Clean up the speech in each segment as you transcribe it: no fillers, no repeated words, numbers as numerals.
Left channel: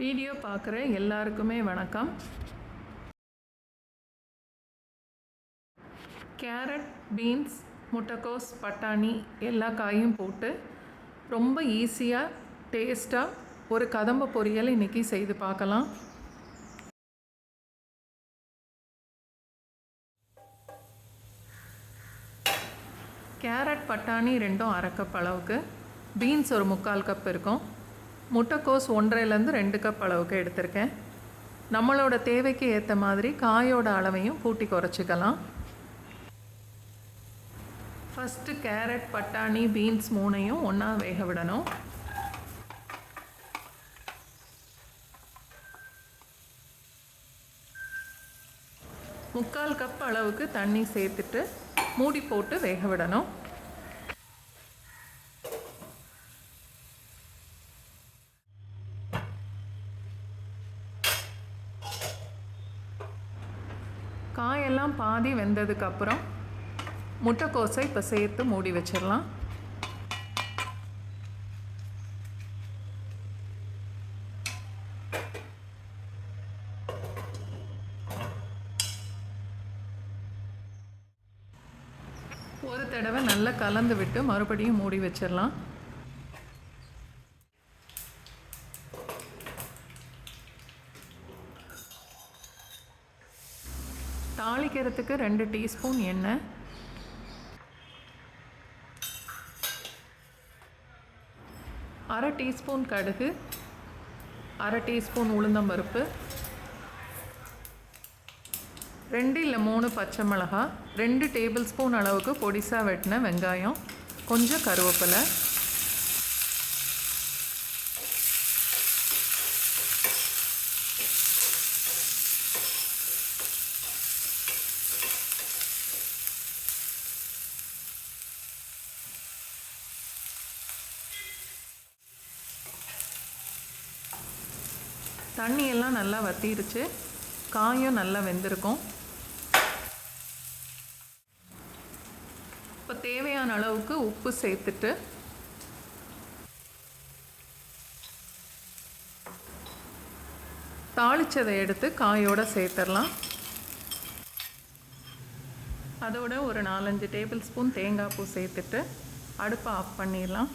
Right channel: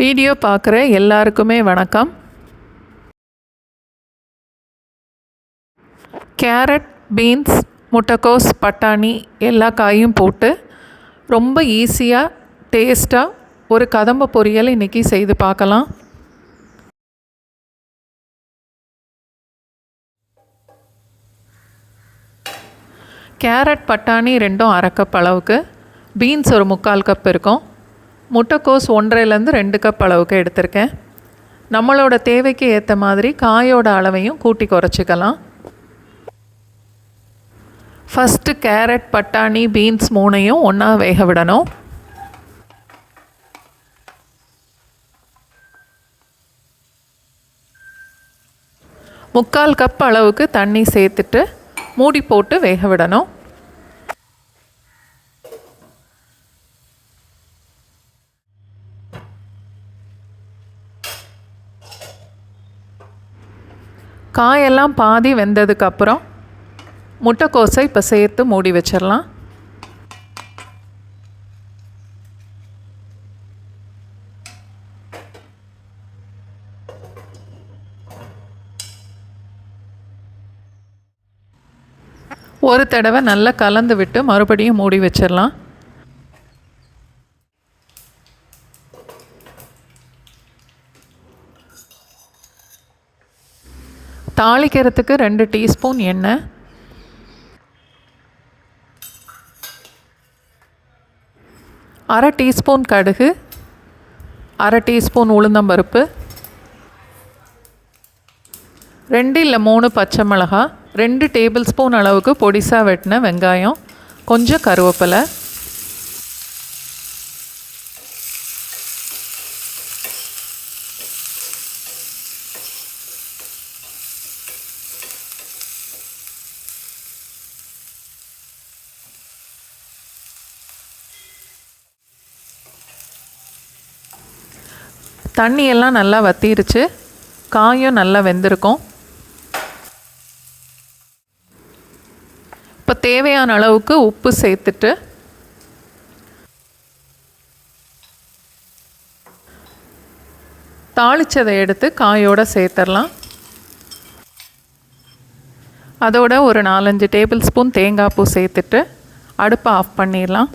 Video பார்க்குற எல்லாருக்குமே வணக்கம். கேரட், பீன்ஸ், முட்டைக்கோஸ், பட்டாணி எல்லா காயும் போட்டு ரொம்ப ஈஸியாக டேஸ்ட்டாக ஒரு கதம்ப பொரியல் இன்றைக்கி செய்து பார்க்கலாம். கேரட், பட்டாணி ரெண்டும் அரை கப் அளவுக்கு, பீன்ஸ் ஒரு 3/4 கப் இருக்கும், முட்டைக்கோஸ் 1.5லேருந்து 2 கப் அளவுக்கு எடுத்திருக்கேன். நம்மளோட தேவைக்கு ஏற்ற மாதிரி காயோட அளவையும் கூட்டி குறைச்சிக்கலாம். ஃபஸ்ட்டு கேரட், பட்டாணி, பீன்ஸ் 3ஐயும் ஒன்றா வேக விடணும். முக்கால் கப் அளவுக்கு தண்ணி சேர்த்துட்டு மூடி போட்டு வேக விடணும். காயெல்லாம் பாதி வெந்ததுக்கப்புறம் முட்டைக்கோஸை இப்போ சேர்த்து மூடி வச்சிடலாம். ஒரு தடவை நல்லா கலந்து விட்டு மறுபடியும் மூடி வச்சிடலாம். தாளிக்கிறதுக்கு 2 டீஸ்பூன் எண்ணெய், 1/2 டீஸ்பூன் கடுகு, 1/2 டீஸ்பூன் உளுந்தம்பருப்பு, 2 இல்லை 3 பச்சை மிளகாய், 2 டேபிள் ஸ்பூன் அளவுக்கு பொடிசாக வெட்டின வெங்காயம், கொஞ்சம் கருவேப்பிலை, தண்ணியெல்லாம் நல்லா வற்றிருச்சு, காயும் நல்லா வெந்திருக்கும். இப்போ தேவையான அளவுக்கு உப்பு சேர்த்துட்டு தாளிச்சதை எடுத்து காயோடு சேர்த்துடலாம். அதோட ஒரு 4-5 டேபிள் ஸ்பூன் தேங்காய் பூ சேர்த்துட்டு அடுப்பை ஆஃப் பண்ணிடலாம்.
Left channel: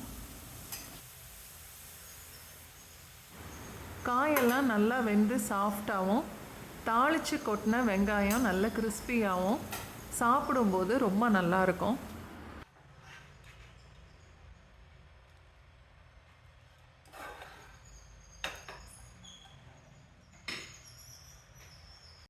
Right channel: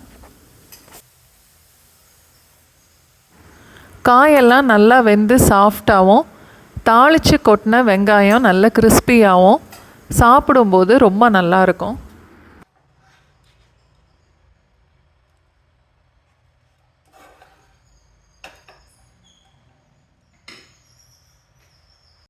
காயெல்லாம் நல்லா வெந்து சாஃப்டாகவும், தாளித்து கொட்டின வெங்காயம் நல்ல கிறிஸ்பியாகவும், சாப்பிடும்போது ரொம்ப நல்லாயிருக்கும்.